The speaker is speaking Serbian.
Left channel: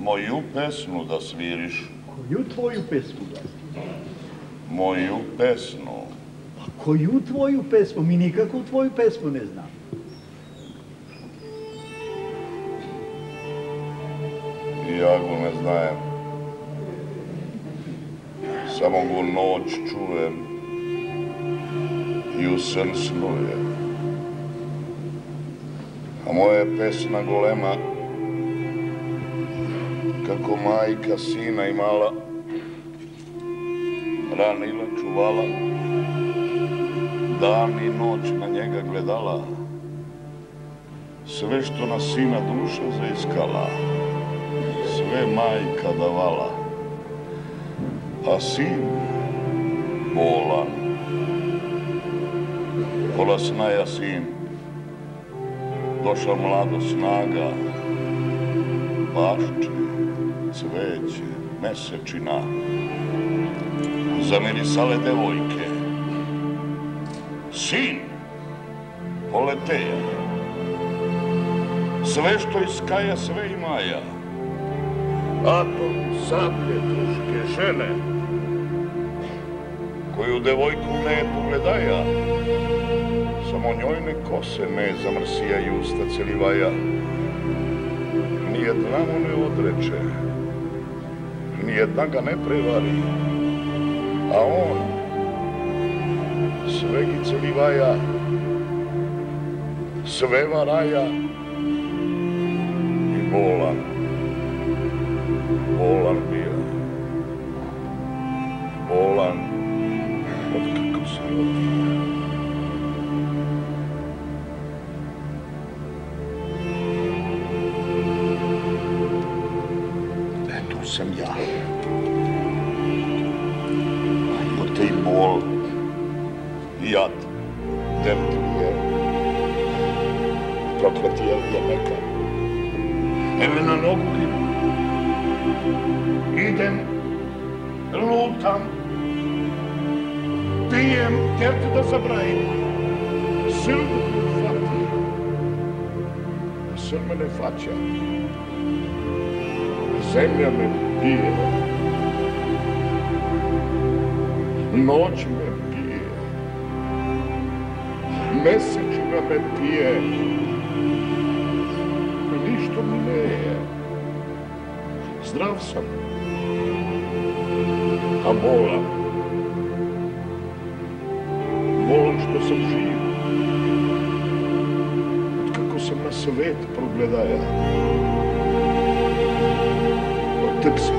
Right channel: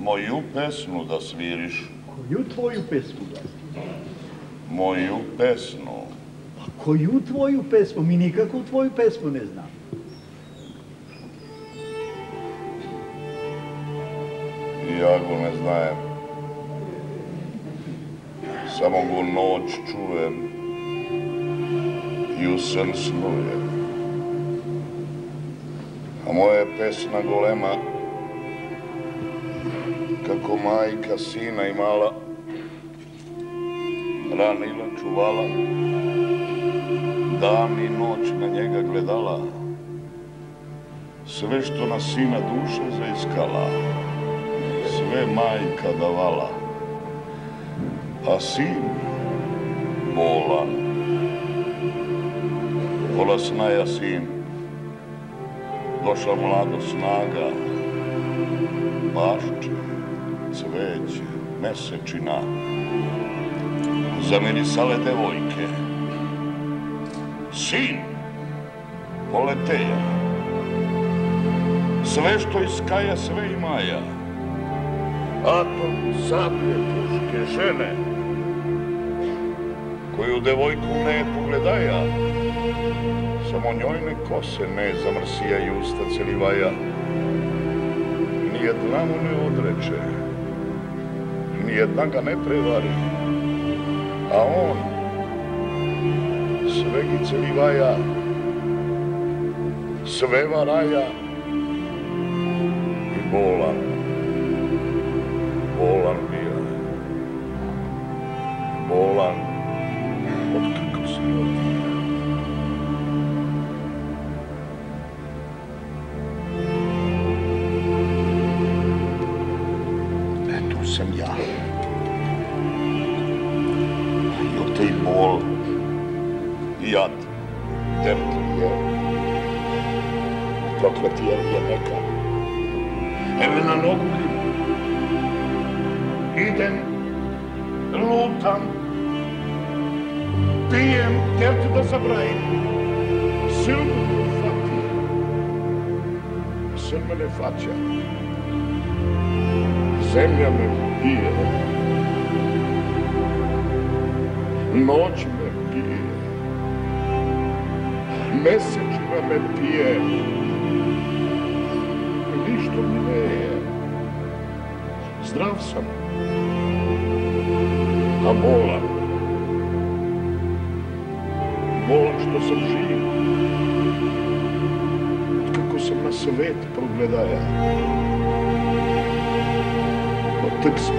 Moju pesmu da sviriš. Koju tvoju pesmu? Moju pesmu. A koju tvoju pesmu? Mi nikakvu tvoju pesmu ne znamo. Ja go ne znajem. Samo go noć čujem i u sen snujem. A moja je pesma golema, kako majka sina imala, ranila, čuvala, dan i noć na njega gledala, sve što na sina duša zaiskala, sve majka davala, a sin bolan, pola snaja sin, došla mlado snaga, bašče, cveće, mesečina, zamirisale devojke. Sin poleteja, sve što iz kaja, sve i maja, atom, sablje, puške, žene, koju devojku ne pogledaja, samo njojne kose ne zamrsijaju usta celivaja. Nijedna mu ne odreče, nijedna ga ne prevari, a on sve gi celivaja, sve varaja i bolan, bolan bija, bolan od kako se rodija. To sam ja. I od tej bol, jad, tertlije, prokletije je neka. Evo na nogu idem, lutam, pijem, tertu da zabrajim. Silno me fati, sad me ne faća. Zemlja me pije, noć me pije, mesečina me pije, ništa mi ne je. Zdrav sam, a bolan. Bolan što sam živ, od kako sam na svet progledaja. Tek sam